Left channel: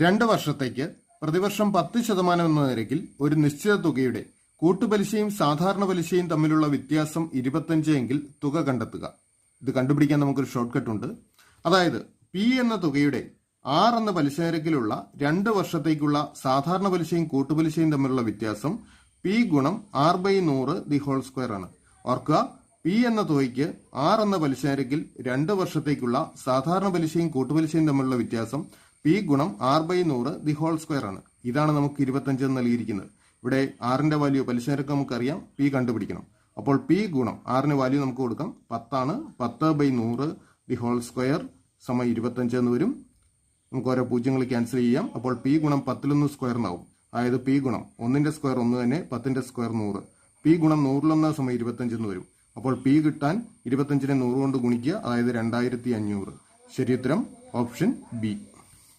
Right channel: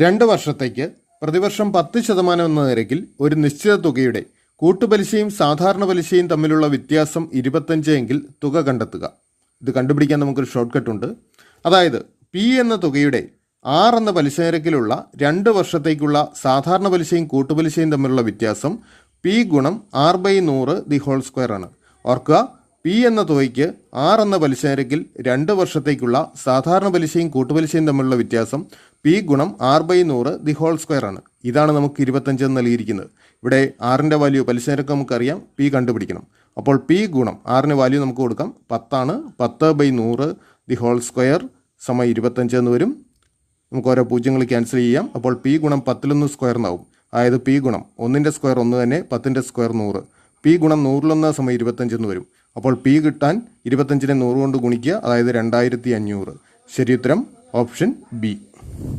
2 വർഷത്തേക്ക് പ്രതിവർഷം 10% എന്ന നിരക്കിൽ ഒരു നിശ്ചിത തുകയുടെ കൂട്ടുപലിശയും സാധാരണ പലിശയും തമ്മിലുള്ള വ്യത്യാസം 25 എങ്കിൽ തുക കണ്ടെത്തുക. ഇത് കണ്ടുപിടിക്കാൻ നമുക്കൊരു ഷോർട്ട് കട്ട് ഉണ്ട്. അതായത് പി എന്ന തുകയുടെ 6 എന്ന പലിശ നിരക്കിലുള്ള 2 വർഷത്തേക്കുള്ള സാധാരണ പലിശയും കൂട്ടുപലിശയും തമ്മിലുള്ള വ്യത്യാസം പി ഗുണം R/100 ദി ഹോൾ സ്ക്വയർ ആണ്. ഓർക്കുക, പി എന്ന തുകയ്ക്ക് 6 എന്ന പലിശ നിരക്കിൽ 2 വർഷത്തേക്കുള്ള സാധാരണ പലിശയും കൂട്ടുപലിശയും തമ്മിലുള്ള വ്യത്യാസം പി ഗുണം R/100 ദി ഹോൾ സ്ക്വയർ ആണ്. ഇതാണ് നമുക്ക് 25 എന്ന് നൽകിയിരിക്കുന്നത്. ഇവിടെ ആറിൻ്റെ വാല്യൂ പലിശ നിരക്ക് നമുക്കറിയാം, പി കണ്ടുപിടിക്കണം. അപ്പോൾ പി ഗുണം ആറിന് വാല്യൂ നമുക്ക് കൊടുക്കാം 10 ആണ്. 10/100 ദി ഹോൾ സ്ക്വയർ സമം 25 എന്ന് വരും. നമുക്ക് ഓരോ പൂജ്യങ്ങൾ ക്യാൻസൽ ചെയ്യാം. അപ്പോൾ പി ഗുണം 10 സ്ക്വയർ എന്നാവും. അതായത് പി ഗുണം 1ൻ്റെ സ്ക്വയർ 1 തന്നെ, 10ൻ്റെ സ്ക്വയർ 100. പി ഗുണം 100 സമം 25 എന്ന് വരും. അപ്പോൾ പി കിട്ടാൻ 25നെ 100 കൊണ്ട് ഗുണിക്കുക, അതായത് 2500. ശരി ഉത്തരം ഓപ്ഷൻ ബി.